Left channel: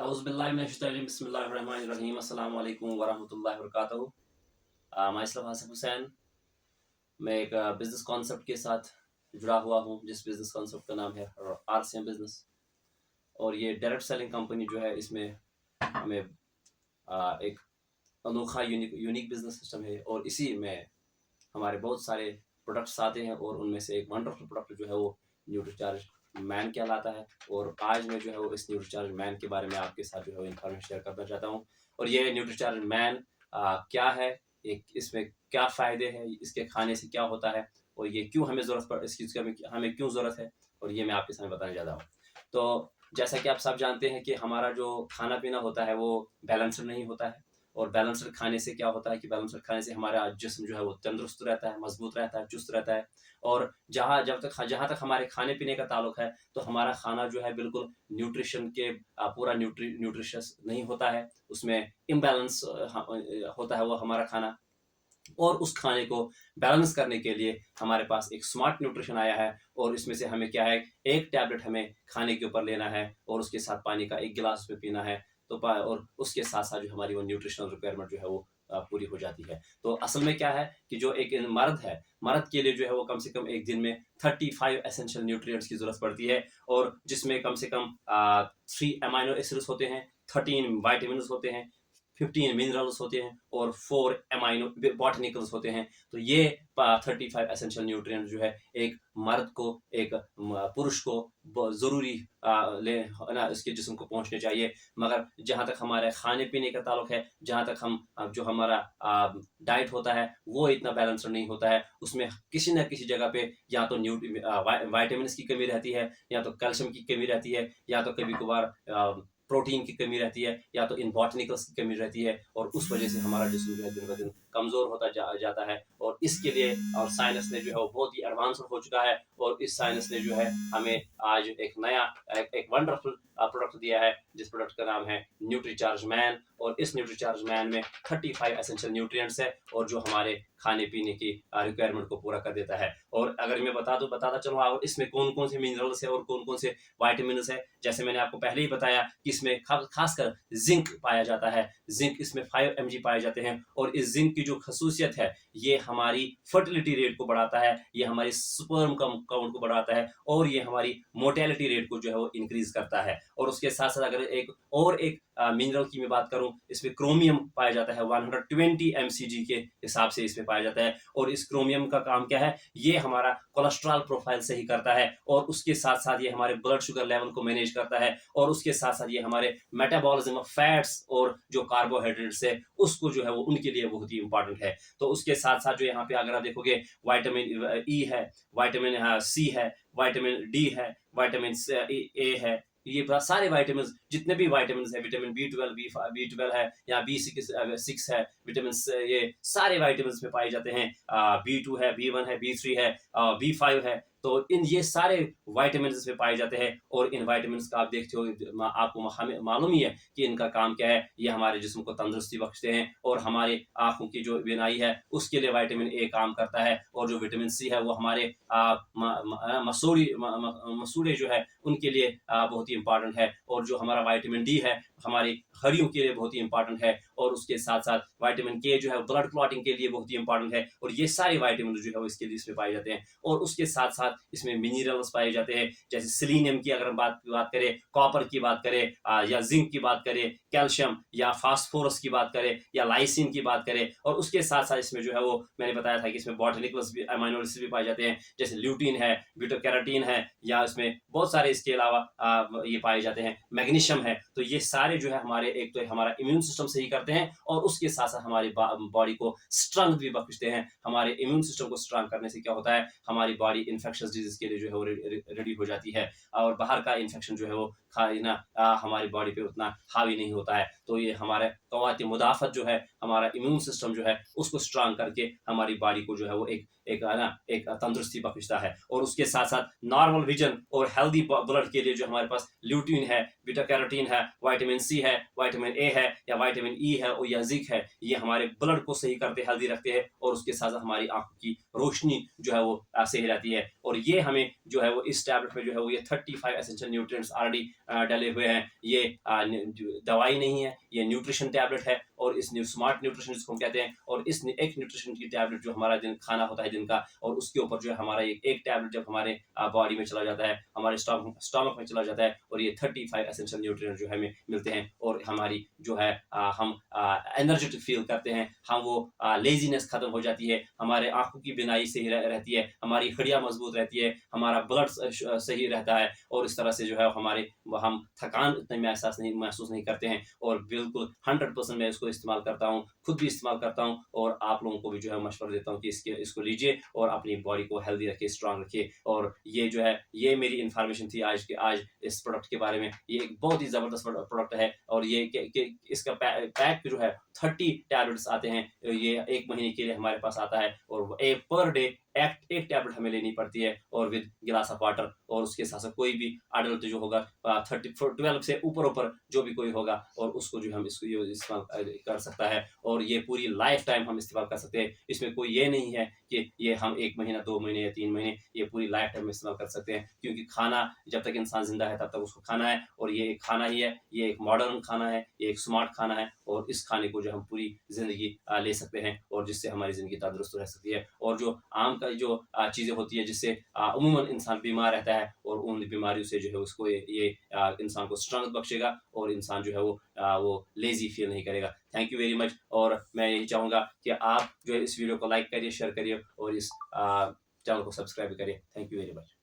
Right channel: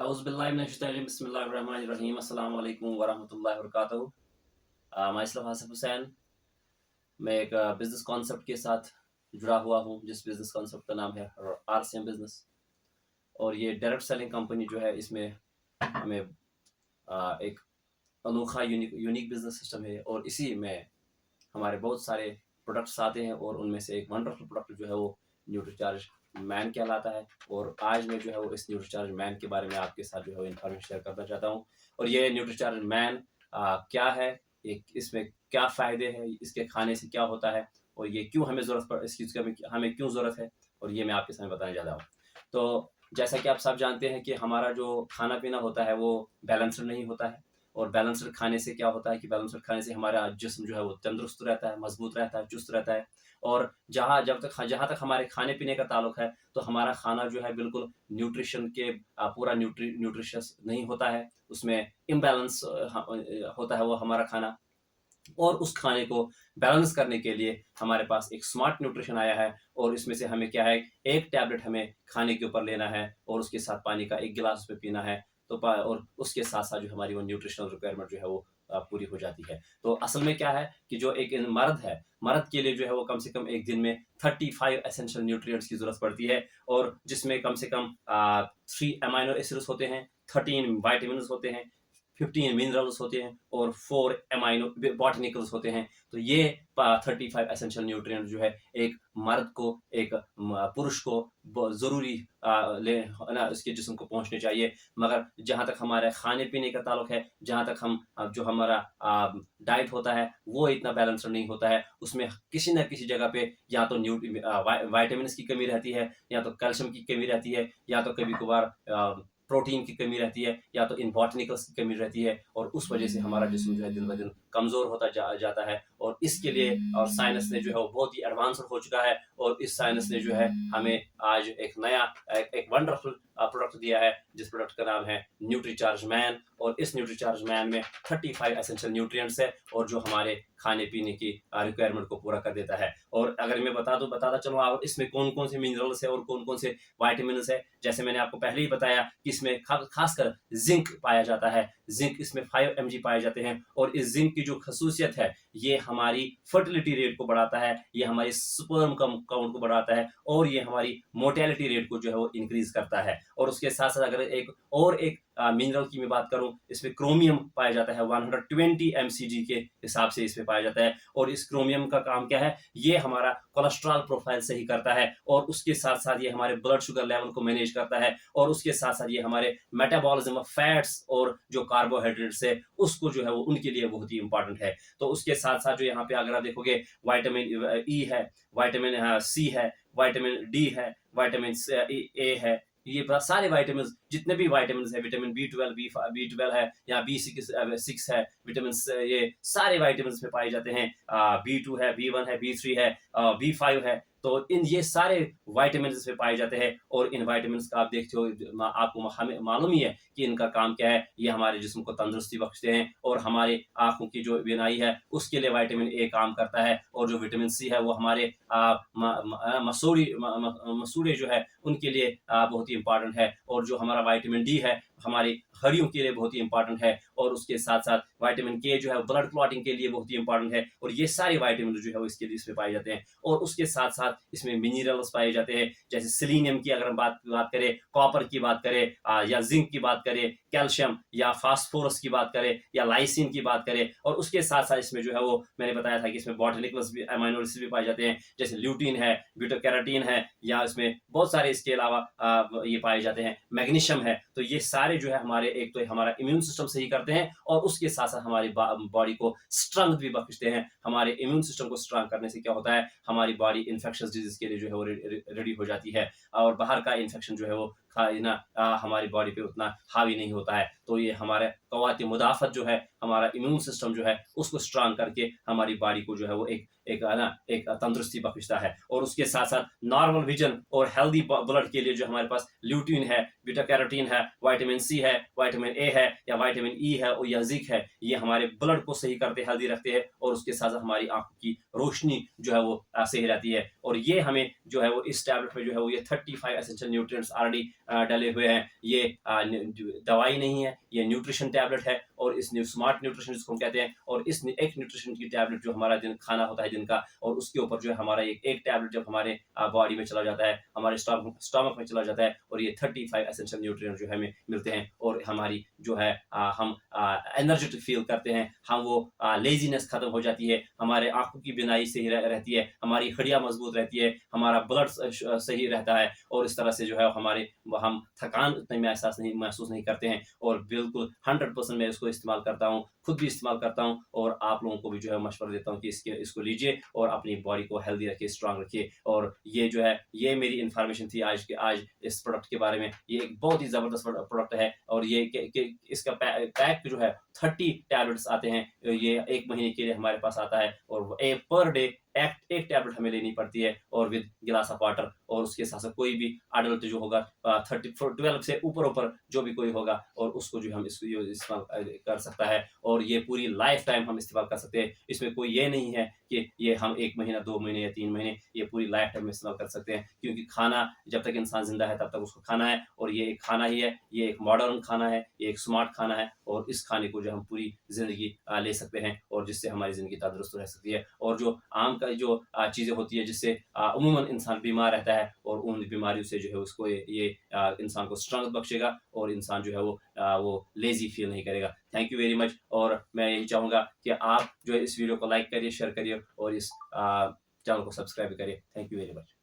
बिस्मिल्लाहिर्रहमानिर्रहीम अस्सलाम वालेकुम वरहमतुल्लाहि वबरकातुहू। माइसेल्फ आसिफ हुसैन। मैं एक बिज़नेस कॉन्सेप्ट के साथ जुड़ा हुआ हूँ, जिस बिज़नेस कॉन्सेप्ट का नाम है आरसीएम बिज़नेस। और ये डायरेक्ट सेलिंग कंपनी जो है, इसमें हमें एक अनोखा यूनिक बिज़नेस सिस्टम है और इसी में हमारे बहुत सारे प्रोडक्ट्स आते हैं और उनमें से एक वंडरफुल प्रोडक्ट जो है वो न्यूट्रीचार्ज मैन कहलाता है। और आज मैं जो है वो इस न्यूट्रीचार्ज मैन के बारे में आपके साथ जो है इन्फॉर्मेशन शेयर करना चाहता हूँ। और ये न्यूट्रीचार्ज मैन क्या है, इसमें क्या फ़ायदे हैं, इसके खाने से क्या होता है और ये क्यों हमें ज़रूरत पड़ इस चीज़ की हमें क्यों ज़रूरत है, और ये मैं आपके सामने बताने जा रहा हूँ। तो जैसा कि आप सब जानते हैं कि हमारा जो खाना पीना होता है वो बैलेंस्ड नहीं होता है। और बैलेंस्ड खाने से क्या होता है कि बैलेंस्ड खाने से हमारा जिस्म जो है वो तंदुरुस्त रहता है, मजबूत रहता है, चुस्त रहता है। और जहाँ तक हमारे खाने पीने का ताल्लुक है, तो हमारा खाना जो है बिल्कुल न्यूट्रिशन के पूरा न्यूट्रिशियस नहीं होता है। उसमें इम्बैलेंस होता है वो हमारा खाना। और उस खाने को बैलेंस करने के लिए हमारे पास एक स्मार्ट न्यूट्रिशन आया है। और इसमें से हमें क्या है, एक टैबलेट हमें खाने के ऊपर लेना है और उसके साथ पानी का एक गिलास उसमें पीना है। और उसके साथ साथ जो हमारी वो न्यूट्रिशनल रिक्वायरमेंट जो है वो पूरी हो जाती है। तो असल में क्या है कि जो एक मर्द है, मर्द के लिए जो है वो कम से कम एक दिन में 35 एसेंशियल न्यूट्रिएंट्स की जरूरत पड़ती है। और जिसमें कम से कम 3 अमाइनो एसिड्स होते हैं, 13 वाइटामिन होते हैं, 15 मिनरल्स होते हैं और 4 अमाइनो बॉटनिकल्स होते हैं। तो ये 35 एसेंशियल न्यूट्रिएंट जो है एक मर्द को, एक पुरुष को ज़रूरी ना इसके जिस्म को पहुंचने चाहिए। मगर जहाँ तक हमारे खाने पीने का ताल्लुक है, जहाँ तक हम जो हमारा डाइट होता है वो इतना बैलेंस्ड नहीं होता है। उसमें किसी न किसी जगह पे या तो वाइटामिन की कमी रहती है, या तो कैल्शियम की कमी रहती है, या तो कभी कभार प्रोटीन की कमी रहती है, या तो इन बॉटनिकल्स की कमी रहती है। और उस वजह से हमारा जिस्म जो है दिन ब दिन कमज़ोर होता जाता है। और इसके लिए और साइंस ने जो है वो बहुत ही एडवांस हो चुका है। और इस साइंस ने जो है हमें आज एक नया एक वंडरफुल प्रोडक्ट दिया है, जिस प्रोडक्ट का नाम है न्यूट्रीचार्ज मैन। और इस न्यूट्रीचार्ज मैन में 35 एसेंशियल न्यूट्रिएंट्स है और जो हमारे खाने पीने की रिक्वायरमेंट को पूरा कर देता है। और अगर मैं बताता चलूँ और इसमें कौन कौन से मिनरल्स है और कौन कौन से वाइटामिन है, जैसे मैंने आपको पहले ही बताया कि इसमें खासकर जिंक पाया जाता है। जिंक इसमें 5 mg पाए जाते हैं। और इस जिंक की जो खसूसियत है, ये हमारी फर्टिलिटी रेट को बढ़ाता है, ये हमारी स्पर्म काउंट को बढ़ाता है, और ये हमारी मोर्टेलिटी रेट को जो है वो इंक्रीज करता है। और उसके साथ साथ अगर एक मिनरल की मैं बात करूं, इसमें क्रोमियम पाया जाता है 120 mcg के हिसाब से इसमें पाया जाता है। और इस क्रोमियम का काम क्या है, ये हमारा कोलेस्ट्रॉल प्रोफाइल सही करता है, और उसके साथ साथ ये हमारे ब्लड शुगर लेवल को मैनेज करता है, और उसके साथ साथ ये हमारे मेटाबॉलिज्म ऑफ फैट्स और जो कार्बोहाइड्रेट्स है उसको जो है वो उनके लिए बहुत ही इंपॉर्टेंट है। तो उसके साथ साथ जो यहाँ पे अगर आप देखोगे, वाइटामिन ई है, वाइटामिन सी है, वाइटामिन डी है, वाइटामिन ए है, ये सारे वाइटामिन, जितने भी वाइटामिन है, विटामिन बी ट्वेल्व है, या बी सिक्स है, विटामिन ये सारे वाइटामिन में पाए जाते हैं। बी टू है, बी1 है, बी3 है, बी5 है। तो इन ये सारे वाइटामिन इसमें पाए जाते हैं। और इन वाइटामिन का आप देखते हो, आपको हमें मालूम ही है कि इनका काम क्या है। ये हमारे जिस्म को तंदुरुस्ती बख्शते हैं, और हमारे आंखों की जो बीनाई है उसके लिए वाइटामिन ए काम करता है। और जो विटामिन सी है वो हमारे मसूड़े जो है उनके लिए बहुत ही इंपॉर्टेंट है। और जो हमारा वाइटामिन डी है हमारी हड्डियों के लिए बहुत ही इंपॉर्टेंट है। और उसके साथ साथ वाइटामिन के जो है ब्लड क्लॉटिंग के लिए बहुत ही इंपॉर्टेंट है। और ये सारे वाइटामिन जो है वो इसके लिए इसमें पाए जाते हैं। और उसके साथ साथ इसमें मिनरल्स पाए जाते हैं, जैसे सेलेनियम की अगर हम बात करें, कॉपर की बात करें, या जिंक की बात करें, कैल्शियम या फास्फोरस की बात करें, या लाइसिन की बात करें। और उसके साथ साथ इसमें जो है वो मैंने बताया था कि इसमें बॉटनिकल्स भी, अमाइनो एसिड भी पाए जाते हैं, जैसे ल्यूटीन है, बीटा कैरोटीन है, या इसमें बहुत सारे इसके अलावा ये पाए जाते हैं, मैग्नीशियम है। तो ये सारे जो है हमारे, एक तो हमारा इम्यून सिस्टम सही करते हैं, और उसके साथ साथ हमारी बॉडी को स्ट्रेंथ भी बख्शते हैं। हमारे इम्यून सिस्टम को स्ट्रांग करने से क्या होता है, हमारी बॉडी इन्फेक्शस डिजीज के लिए जो है वो रेडी हो जाती है, और बाहर का इन्फेक्शन जो है वो हमारी बॉडी पे उतना हावी नहीं होता है। तो ये हमारे कवात मुदाफत जो है, हमारा इम्यून सिस्टम जो है उसको स्ट्रांग करके हमारी बॉडी को जो है वो एक तंदुरुस्ती बख्शता है। और उसके साथ साथ नॉर्मल विजन और हेल्दी ब्लड के लिए जो हमारे पास ल्यूटीन है, बीटा कैरोटीन है, वाइटामिन सी है, वाइटामिन ए है, या वाइटामिन ई है, और या जिंक है, ये हमारे ब्लड को सही करते, हेल्दी रखते हैं। और उसके साथ साथ हमारी आंखों की रोशनी जो है वो सही रहती है। और ये हमें जो है वो इस टैबलेट में जो है वो ये 35 एसेंशियल न्यूट्रिएंट्स ऑलरेडी डले हुए हैं। ये दवाई नहीं है, ये न्यूट्रिशन टैबलेट है और इस स्मार्ट न्यूट्रिशन जिसको हम कहते हैं, और इस एक न्यूट्रिशन की टैबलेट जो हमारा दिन खाना होता है दिन का, और उसके ऊपर जो है हमारा एक टैबलेट जब हमारे बॉडी में चला जाता है, हमारे स्टमक में चला जाता है, और ये 35 एसेंशियल न्यूट्रिएंट जो हमें मिलते हैं और हमारी जो है हम एनर्जेटिक फील करते हैं, हम वो लेजीनेस खत्म हो जाती है, हमारे आंखों की बिनाई सही रहती है, हमारी हड्डियां मजबूत रहती है, हमारा ब्लड सही रहता है, और इस तरह से जो है हमारे हम थकान इतने महसूस नहीं करते हैं। और बिल्कुल 100% मैं इसको इस्तेमाल करता हूँ, खुद भी इस्तेमाल करता हूँ, और आप लोगों को भी जो है मशवरा देता हूँ कि इसको लीजिए और अपनी बॉडी को हेल्दी रखिए, स्ट्रांग रखिए। और ये जो है ये मेरी इन्फॉर्मेशन थी आज इस प्रोडक्ट के बारे में। ये एक बहुत ही ज़बरदस्त प्रोडक्ट है, और ये इसका पैक जो है 30 टैबलेट्स आते हैं, ये 1 महीने के लिए हमारे पास आता है, और एक पर डे एक टैबलेट हमें लेनी पड़ती है, और विद गिलास ऑफ वाटर, और उसके साथ साथ कोई भी अडल्ट जो होगा 12 से ऊपर जो भी कोई होगा, और उसको जो हम इसको इस्तेमाल कर सकता है, और ये पूरी लाइफ टाइम हम इस्तेमाल कर सकते हैं। इसमें कोई ये नहीं है कि ये हम 1 महीना 2 महीने या 3 महीने, ये पूरी लाइफ टाइम इस्तेमाल कर सकते हैं, क्योंकि खाना जब तक इंसान जिंदा है तब तक उसको खाना है, और ये एक खाना ही है, ये एक मॉडर्न खाना है, ये एक स्मार्ट खाना है, और इस खाने को जो हम पूरी जिंदगी ले सकते हैं, और जिससे हमारी जिंदगी तंदुरुस्त रह सकती है। और जो आम का जो चीज़ें होती है जिससे अमूमन इंसान बीमार रहता है, और उन बीमारियों से जो है उसको ये इंसान को स्ट्रेंथ बख्शेगा, और इंसान जो है वो लेजी फील नहीं करेगा। थैंक यू वेरी मच, और मैं यही चाहूँगा कि आप जो है इस वीडियो को लाइक करिए, शेयर करिए, और इस चैनल को सब्सक्राइब करिए। Thank you very much.